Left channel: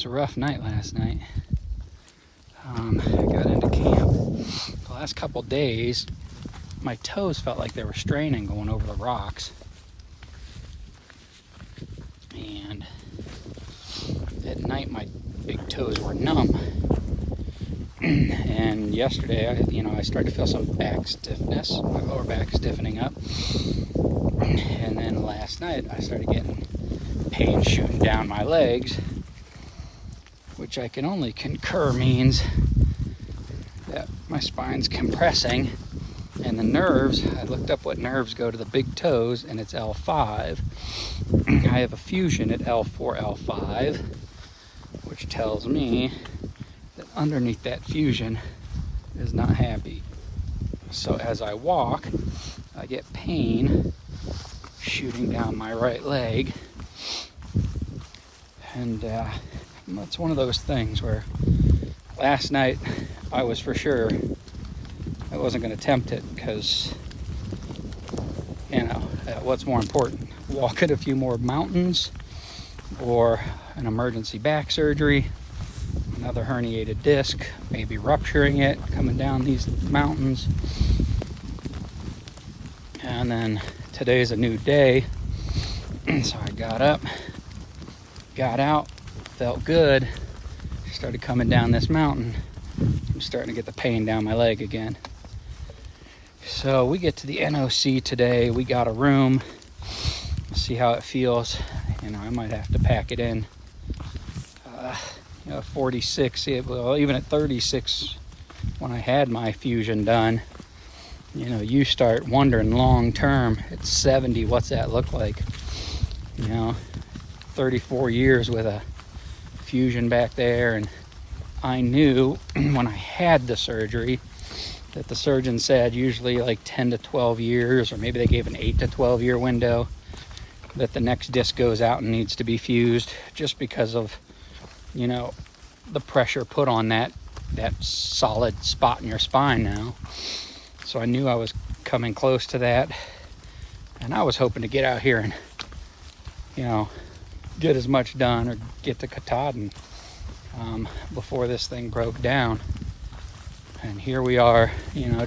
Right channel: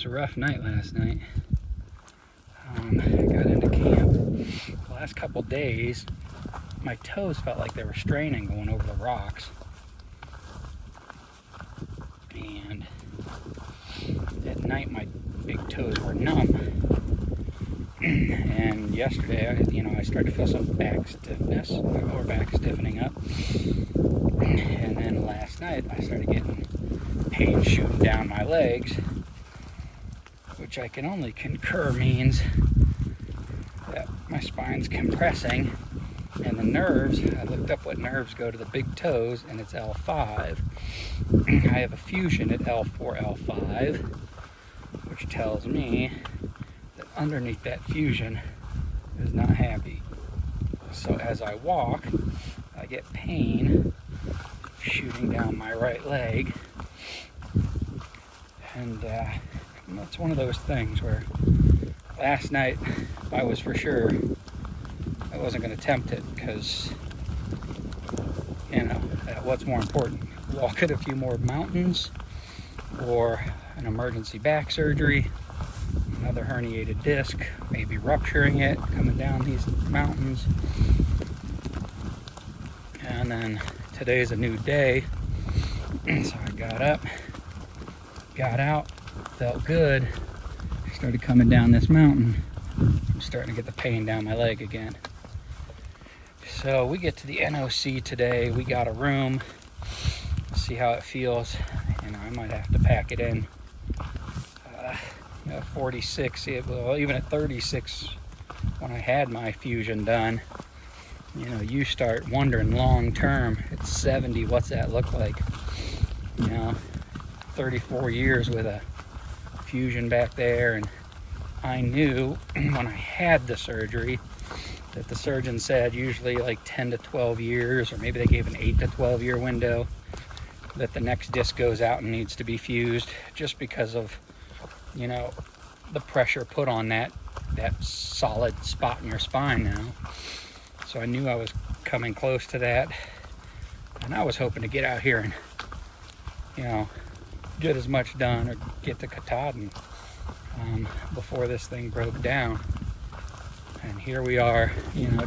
was a rough night last night. I got into camp. The last couple days, my toes felt like they were straining going over the rocks. And at night, my big toes were numb. And yesterday, I started to feel some back stiffness, my lower back stiffening up. And then last night, I started getting pain shooting down my legs, which I can only concur means that my spine's compressing, and the nerves, I looked up what nerves go to the big toes, and it's L5. I have a fusion at L4, L5, which tells me that underneath that fusion is not happy. So as I walk, I get pain shooting down my right leg, and it's one of those things where last night I was for sure I wasn't going to attempt it because, what's more important, walking a few more mountains or an emergency back surgery, another herniated disc, maybe rupturing it coming down these mountains. And then today's a new day, so I got up, got out, felt good, started coming down this mountain. I'm starting to get the pain down my leg again. So we get to the NOC today. We got a room. See how it feels. I might have to pack it in. 46, well, even at 36, when I had my fusion done, you start wondering long term at 70, what's that look like? 34 years with a fusion back there, and I knew when I had the surgery that the surgeon said usually like 10 to 12 years, or maybe they gave an 8 to 12 year window, that the next disc goes out and needs to be fused, just because of the pressure put on that solid spot in your spine now. So I knew I was coming close to that, and I was hoping to get out here and get as much done, or get to Katahdin before this thing broke down. And here we are,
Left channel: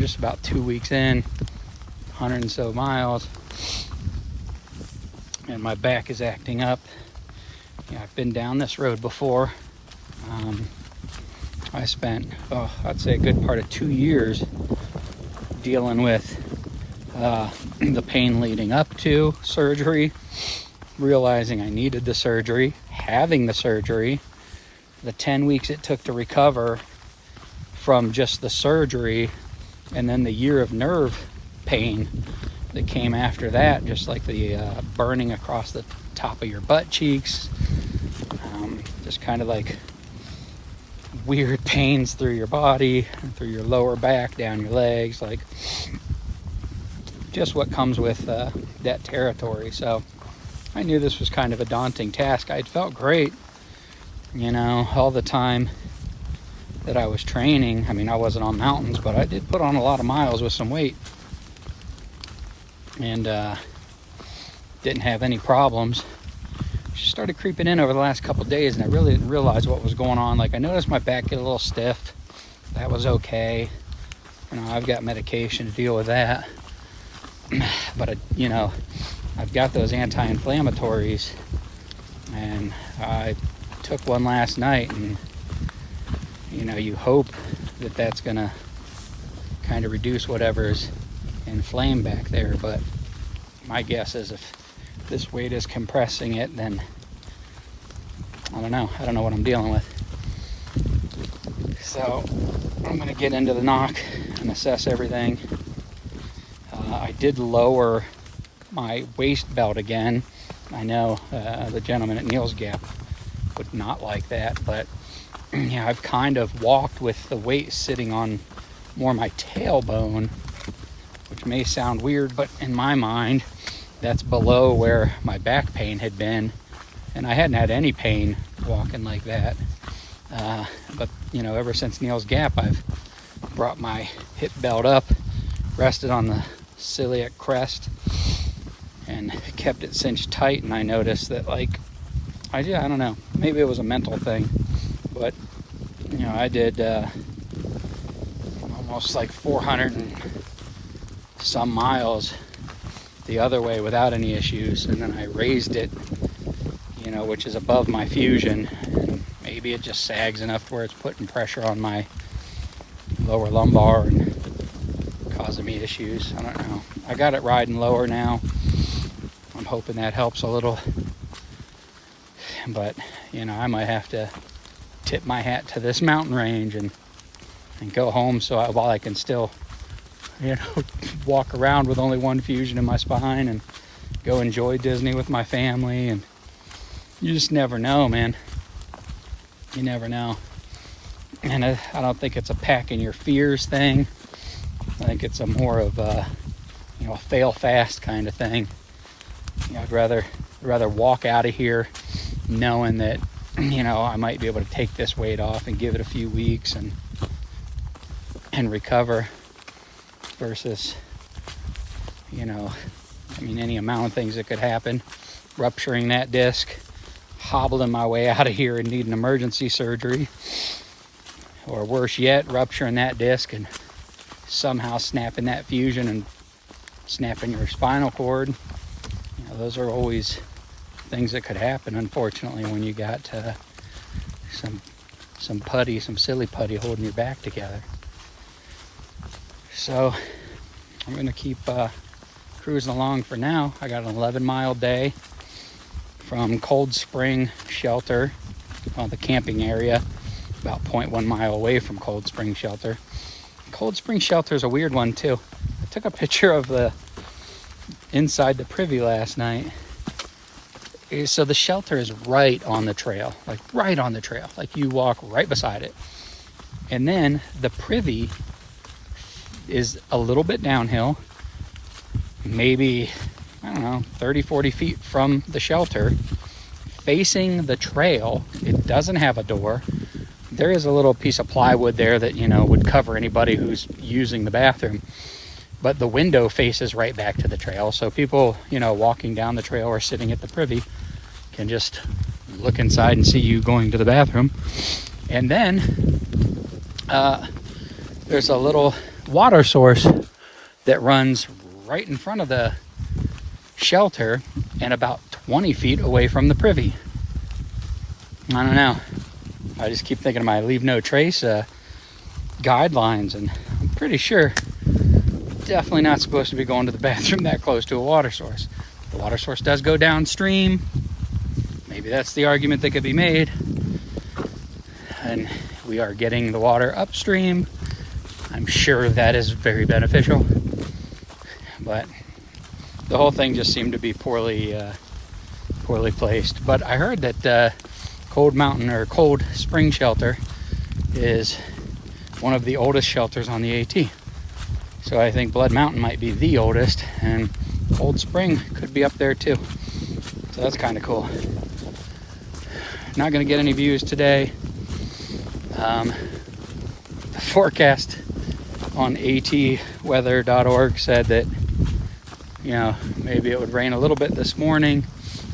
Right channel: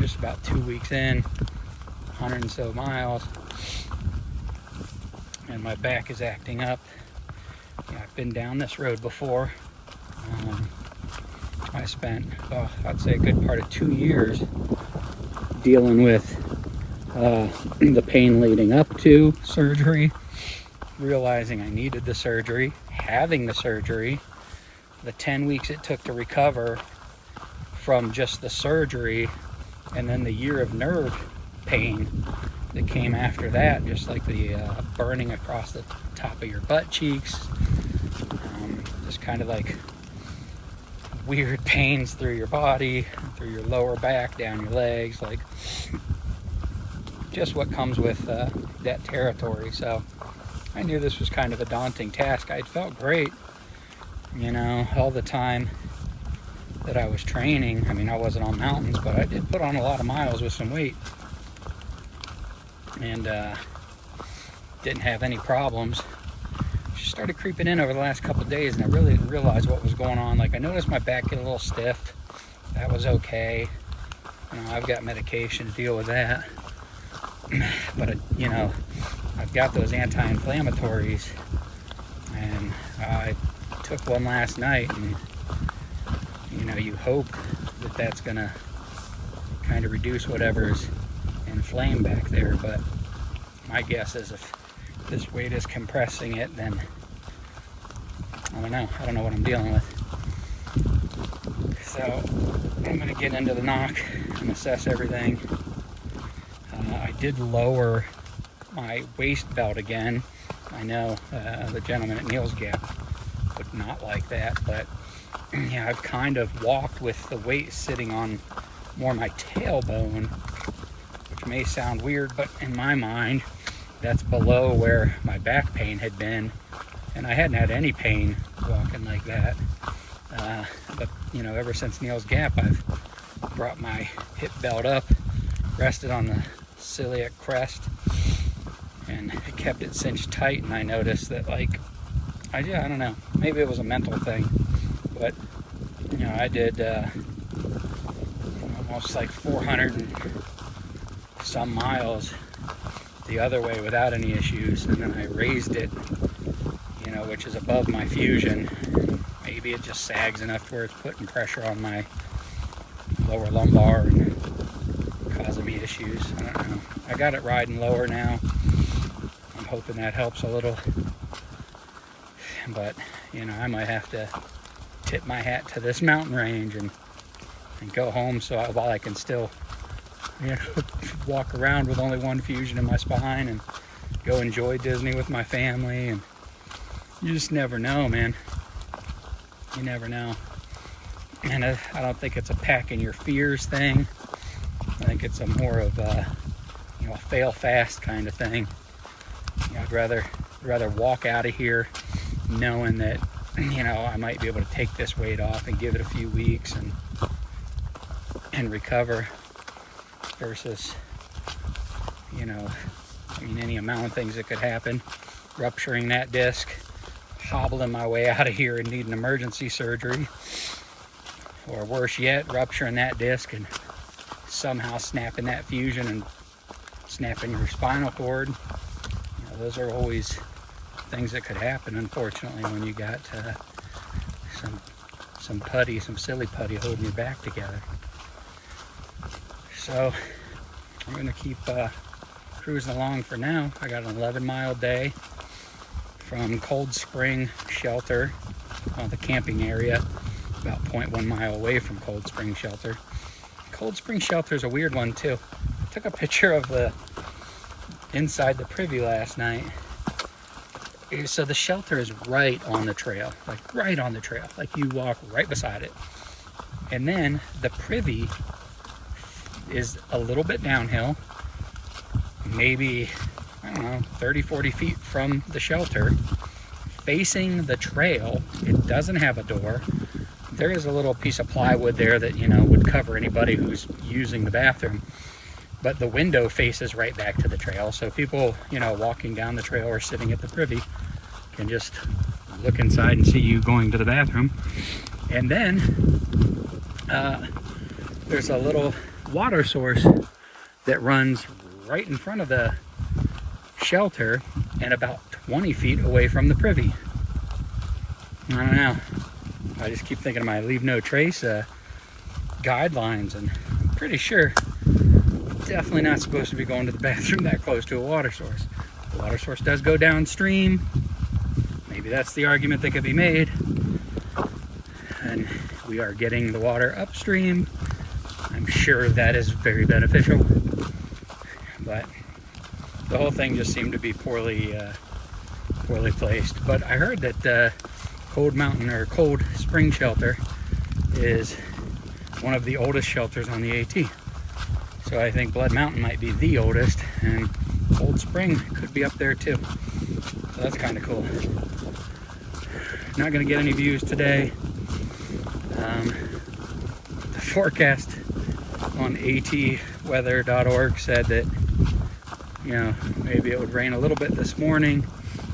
just about 2 weeks in, 100 and so miles, and my back is acting up. I've been down this road before. I spent, I'd say a good part of 2 years dealing with the pain leading up to surgery, realizing I needed the surgery, having the surgery, the 10 weeks it took to recover from just the surgery, and then the year of nerve pain that came after that, just like the burning across the top of your butt cheeks, just kind of like weird pains through your body, through your lower back, down your legs, like just what comes with that territory. So I knew this was kind of a daunting task. I felt great, all the time that I was training. I wasn't on mountains, but I did put on a lot of miles with some weight, and didn't have any problems. Just started creeping in over the last couple days, and I really didn't realize what was going on. Like, I noticed my back get a little stiff. That was okay. I've got medication to deal with that. But I've got those anti-inflammatories, and I took one last night, and you hope that that's gonna kind of reduce whatever's inflamed back there. But my guess is if this weight is compressing it, then I don't know what I'm dealing with. So I'm gonna get into the knock and assess everything. I did lower my waist belt again. I know the gentleman at Neil's Gap would not like that, but I've kind of walked with the weight sitting on more my tailbone, which may sound weird, but in my mind, that's below where my back pain had been, and I hadn't had any pain walking like that. But ever since Neil's Gap, I've brought my hip belt up, rested on the celiac crest, and kept it cinched tight. And I noticed that, like, I don't know. Maybe it was a mental thing, but you know, I did almost like 400 and some miles the other way without any issues, and then I raised it, you know, which is above my Fusion, and maybe it just sags enough to where it's putting pressure on my lower lumbar and causing me issues. I don't know. I got it riding lower now. I'm hoping that helps a little, but you know, I might have to tip my hat to this mountain range and go home while I can still, you know, walk around with only one Fusion in my spine and go enjoy Disney with my family. And you just never know, man. You never know. And I don't think it's a packing your fears thing. I think it's a more of a, you know, fail fast kind of thing. You know, I'd rather walk out of here knowing that, you know, I might be able to take this weight off and give it a few weeks and recover, versus, you know, I mean, any amount of things that could happen. Rupturing that disc, hobbling my way out of here and needing emergency surgery, or worse yet, rupturing that disc and somehow snapping that Fusion and snapping your spinal cord. You know, those are always things that could happen, unfortunately, when you got some putty, some silly putty holding your back together. So I'm gonna keep cruising along for now. I got an 11-mile day from Cold Spring Shelter, the camping area, about 0.1 mile away from Cold Spring Shelter. Cold Spring Shelter is a weird one too. I took a picture of the inside the privy last night. So the shelter is right on the trail, like right on the trail. Like you walk right beside it. And then the privy is a little bit downhill, maybe, I don't know, 30, 40 feet from the shelter, facing the trail. It doesn't have a door. There is a little piece of plywood there that, you know, would cover anybody who's using the bathroom. But the window faces right back to the trail. So people, you know, walking down the trail or sitting at the privy can just look inside and see you going to the bathroom. And then there's a little water source that runs right in front of the shelter and about 20 feet away from the privy. I don't know. I just keep thinking of my leave no trace guidelines, and I'm pretty sure definitely not supposed to be going to the bathroom that close to a water source. The water source does go downstream. Maybe that's the argument that could be made. And we are getting the water upstream. I'm sure that is very beneficial. But the whole thing just seemed to be poorly placed. But I heard that Cold Spring Shelter is one of the oldest shelters on the AT. So I think Blood Mountain might be the oldest, and Cold Spring could be up there too. So that's kind of cool. Not gonna get any views today. The forecast on atweather.org said that, you know, maybe it would rain a little bit this morning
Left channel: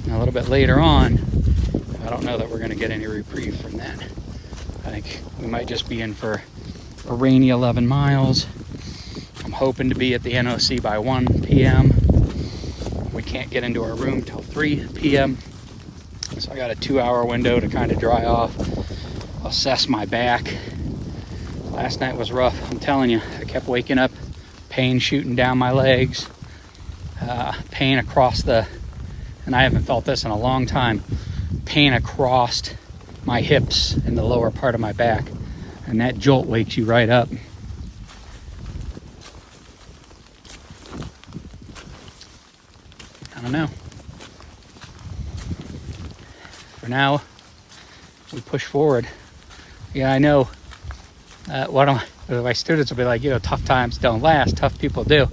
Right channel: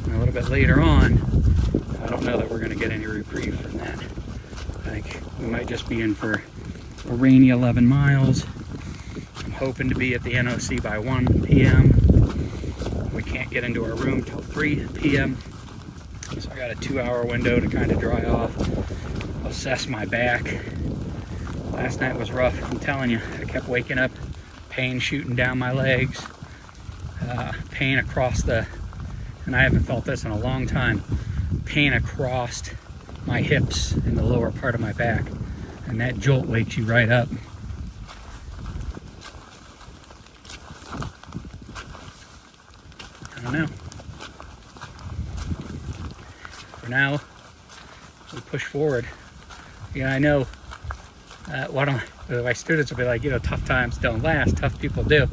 and a little bit later on. I don't know that we're gonna get any reprieve from that. I think we might just be in for a rainy 11 miles. I'm hoping to be at the NOC by 1 p.m. We can't get into our room till 3 p.m. So I got a 2-hour window to kind of dry off, assess my back. Last night was rough, I'm telling you. I kept waking up, pain shooting down my legs, pain across and I haven't felt this in a long time, pain across my hips and the lower part of my back. And that jolt wakes you right up. I don't know. For now, we push forward. Yeah, I know. My students will be like, you know, tough times don't last, tough people do.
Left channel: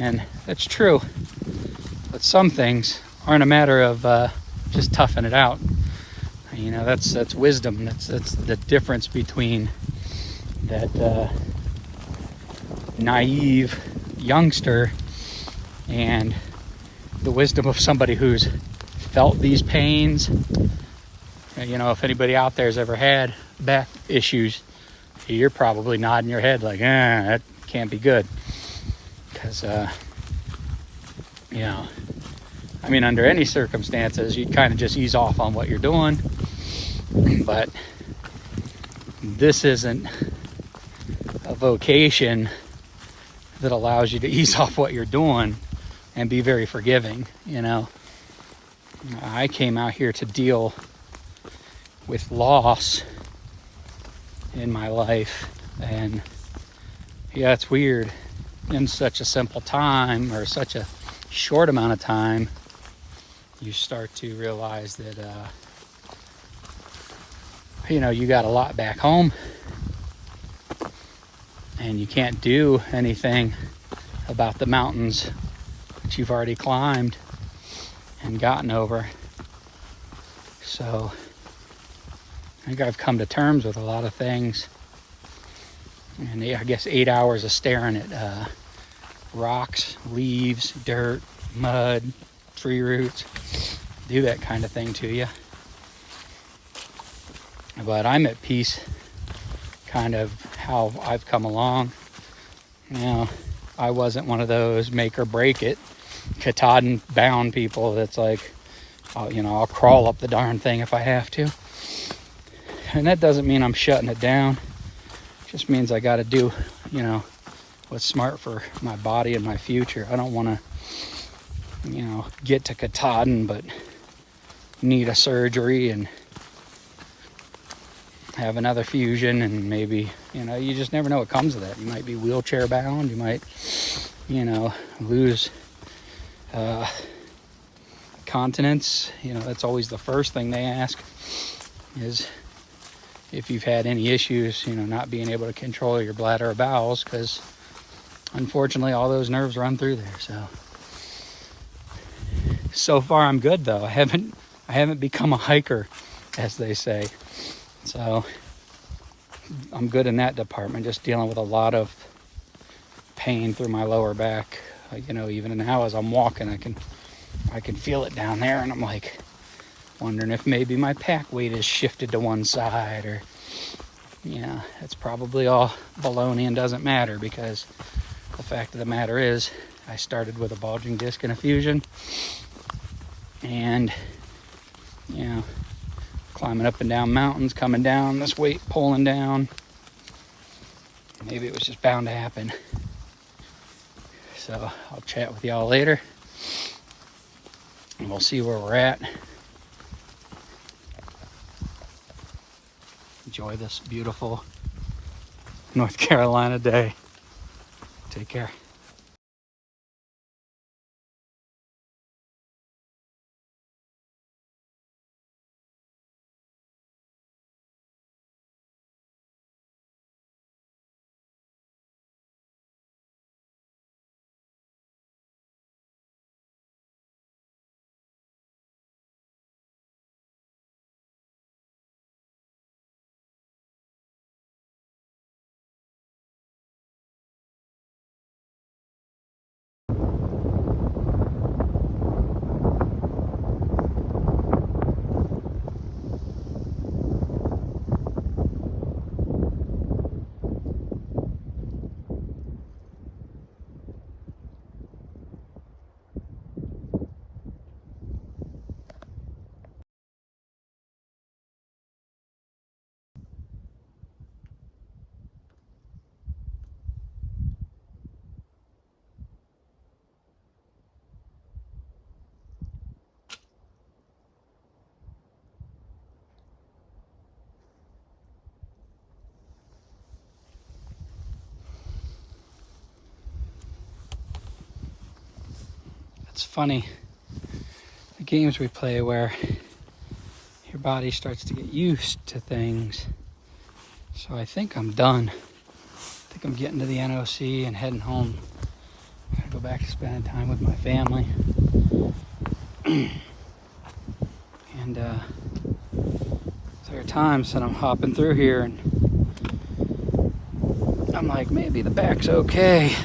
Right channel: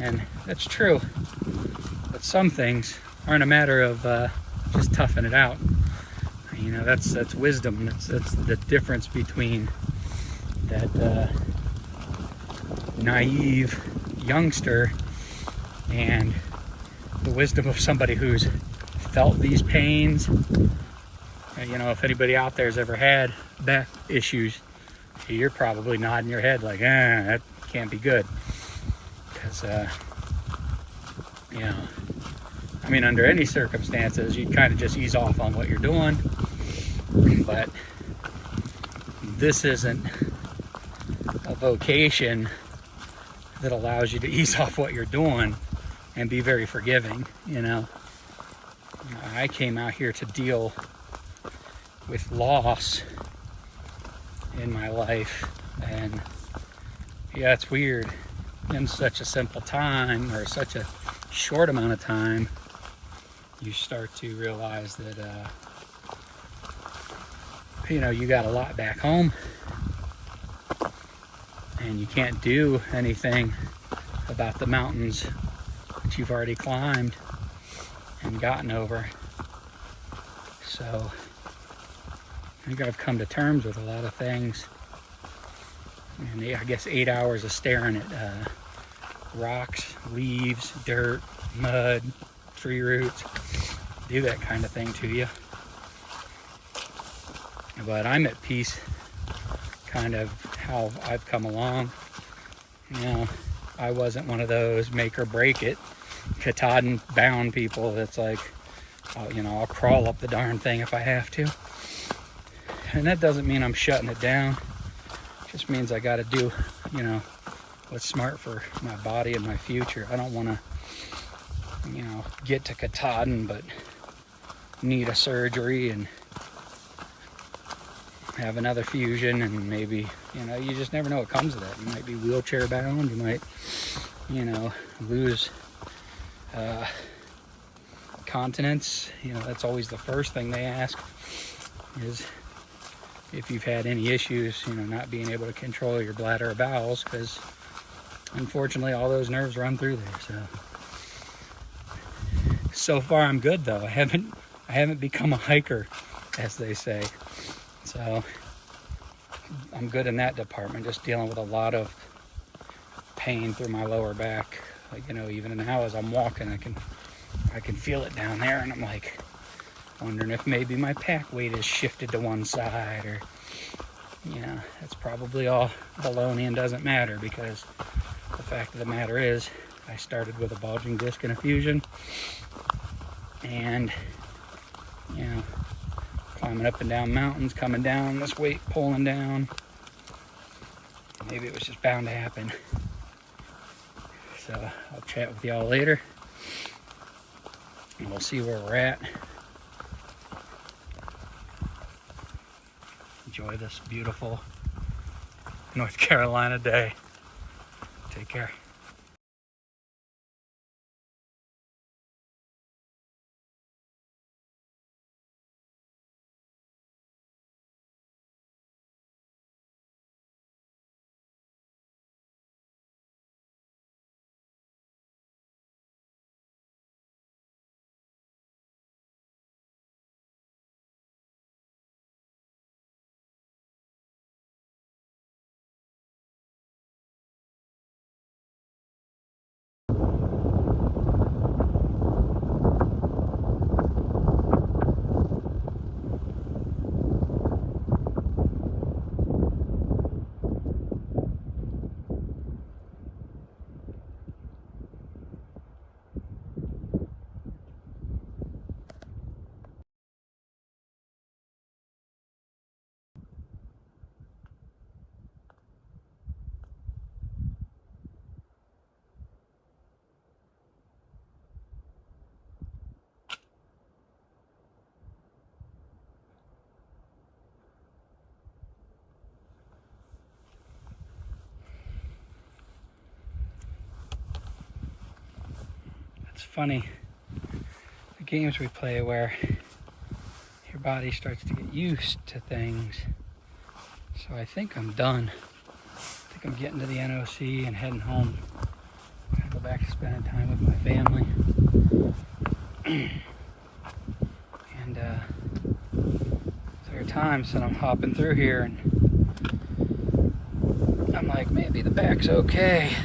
And that's true. But some things aren't a matter of just toughing it out. You know, that's wisdom. That's the difference between that naive youngster and the wisdom of somebody who's felt these pains. You know, if anybody out there has ever had back issues, you're probably nodding your head like, that can't be good. Because, you know, I mean, under any circumstances, you kind of just ease off on what you're doing. But this isn't a vocation that allows you to ease off what you're doing and be very forgiving, you know. I came out here to deal with loss in my life, and yeah, it's weird. In such a simple time, or such a short amount of time, you start to realize that you know, you got a lot back home, and you can't do anything about the mountains that you've already climbed and gotten over. So I think I've come to terms with a lot of things. And I guess 8 hours of staring at rocks, leaves, dirt, mud, tree roots do that kind of thing to you. But I'm at peace, kind of how I've come along. You know, I wasn't one of those make or break it Katahdin bound people that's like, you know, I'll crawl up the darn thing if I have to. And that doesn't mean I'm shutting it down. It just means I got to do, you know, what's smart for my body and my future. I don't want to, you know, get to Katahdin but need a surgery and have another fusion, and maybe, you know, you just never know what comes of that. You might be wheelchair bound, you might, you know, lose continence. You know, that's always the first thing they ask, is if you've had any issues, you know, not being able to control your bladder or bowels, because unfortunately all those nerves run through there. So far I'm good though. I haven't become a hiker, as they say. So I'm good in that department, just dealing with a lot of pain through my lower back. Like, you know, even now as I'm walking, I can feel it down there, and I'm like wondering if maybe my pack weight is shifted to one side, or, you know, it's probably all baloney and doesn't matter, because the fact of the matter is I started with a bulging disc and a fusion, and, you know, climbing up and down mountains, coming down, this weight pulling down. Maybe it was just bound to happen. So I'll chat with y'all later, and we'll see where we're at. Enjoy this beautiful North Carolina day. Take care. It's funny, the games we play where your body starts to get used to things. So I think I'm done. I think I'm getting to the NOC and heading home. I go back to spending time with my family. And there are times that I'm hopping through here and I'm like, maybe the back's okay.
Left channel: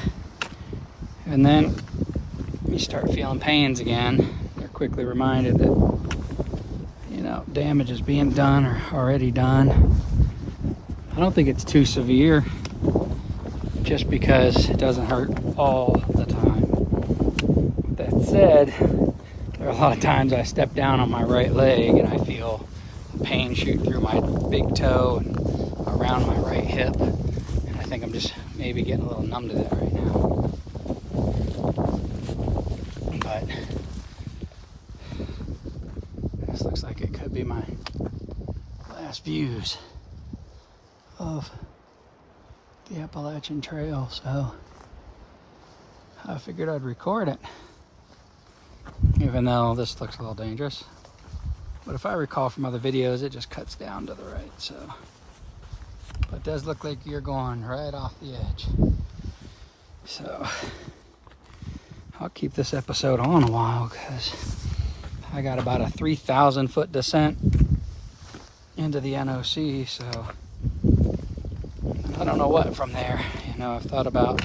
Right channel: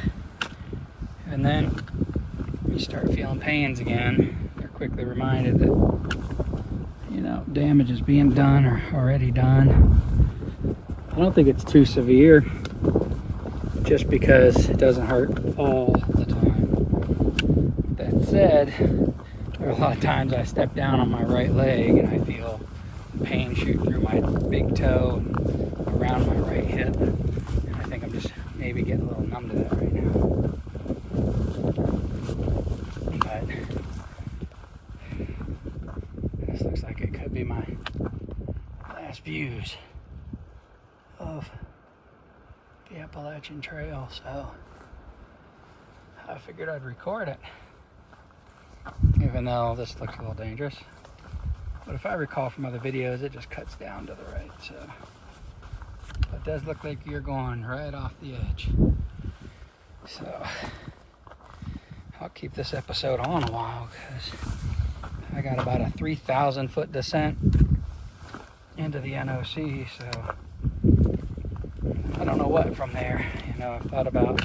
And then you start feeling pains again. They're quickly reminded that, you know, damage is being done or already done. I don't think it's too severe, just because it doesn't hurt all the time. That said, there are a lot of times I step down on my right leg and I feel pain shoot through my big toe, around my right hip, and I think I'm just maybe getting a little numb to that right now. But this looks like it could be my last views of the Appalachian Trail, so I figured I'd record it, even though this looks a little dangerous. But if I recall from other videos, it just cuts down to the right, so it does look like you're going right off the edge. So I'll keep this episode on a while because I got about a 3,000 foot descent into the NOC, so I don't know what from there. You know, I've thought about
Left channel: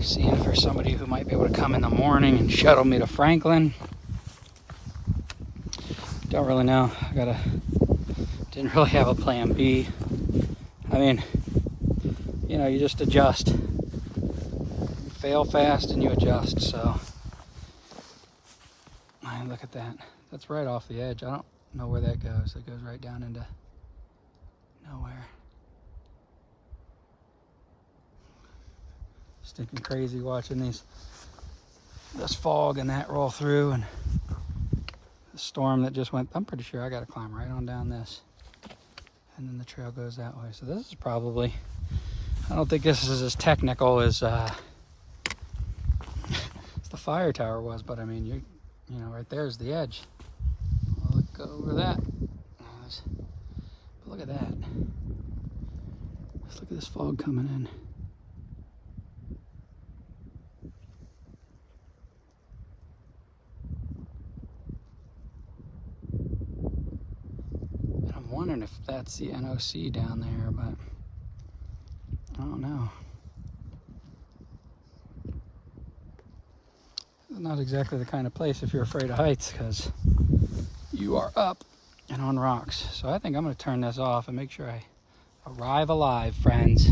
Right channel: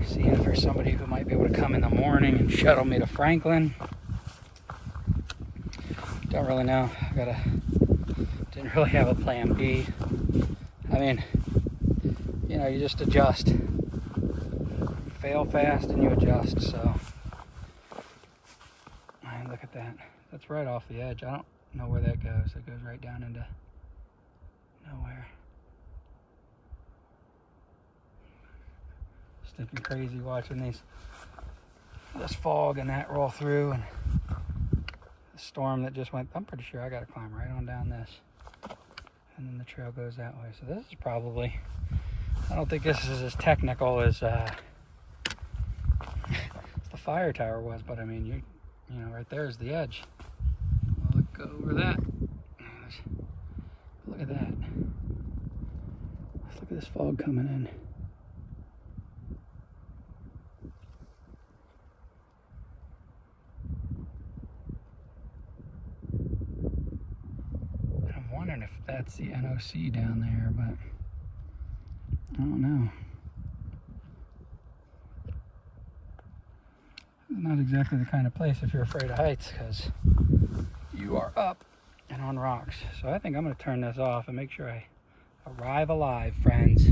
seeing if there's somebody who might be able to come in the morning and shuttle me to Franklin. Don't really know. Didn't really have a plan B. I mean, you know, you just adjust. You fail fast and you adjust, so. Look at that. That's right off the edge. I don't know where that goes. It goes right down into nowhere. Stinking crazy watching this fog and that roll through, and the storm that just went. I'm pretty sure I got to climb right on down this, and then the trail goes that way. So this is probably, I don't think this is as technical as the fire tower was, but I mean, you know, right there's the edge. I'll look over that. Look at that. Let's look at this fog coming in. And I'm wondering if that's the NOC down there, but I don't know. Not exactly the kind of place if you're afraid of heights, because you are up and on rocks. So I think I'm going to turn this off and make sure I arrive alive, friends.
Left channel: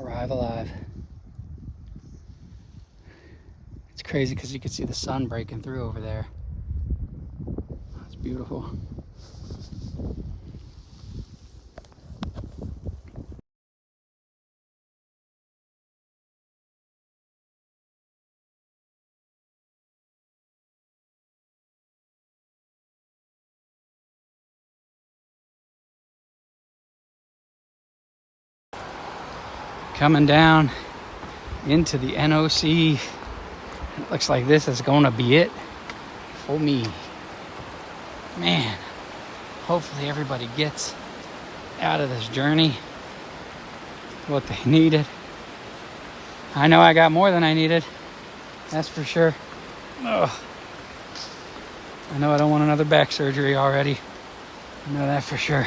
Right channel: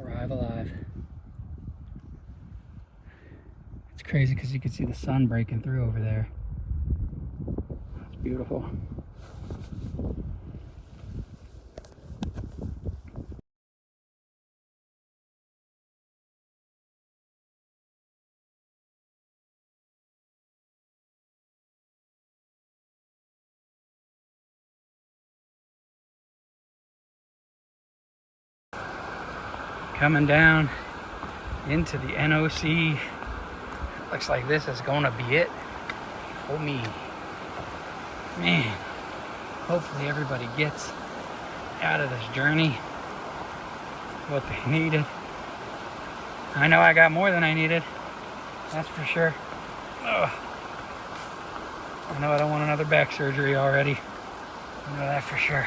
Arrive alive. It's crazy because you can see the sun breaking through over there. That's beautiful. Coming down into the NOC. It looks like this is going to be it for me. Man, hopefully everybody gets out of this journey what they needed. I know I got more than I needed, that's for sure. Ugh. I know I don't want another back surgery already. I know that for sure.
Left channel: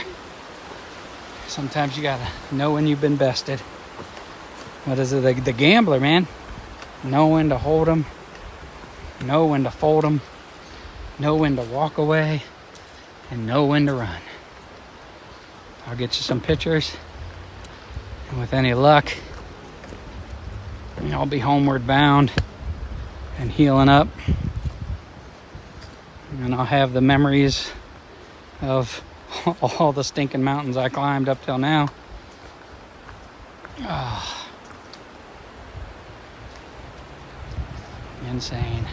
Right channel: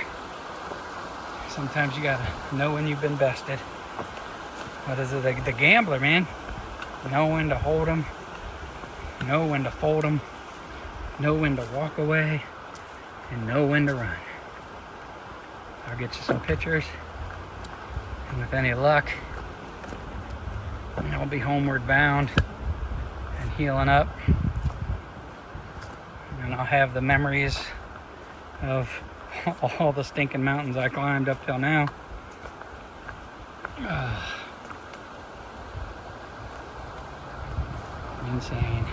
Sometimes you gotta know when you've been bested. What is it? The gambler, man. Know when to hold them. Know when to fold them. Know when to walk away. And know when to run. I'll get you some pictures. And with any luck, I'll be homeward bound and healing up. And I'll have the memories of all the stinking mountains I climbed up till now. Insane.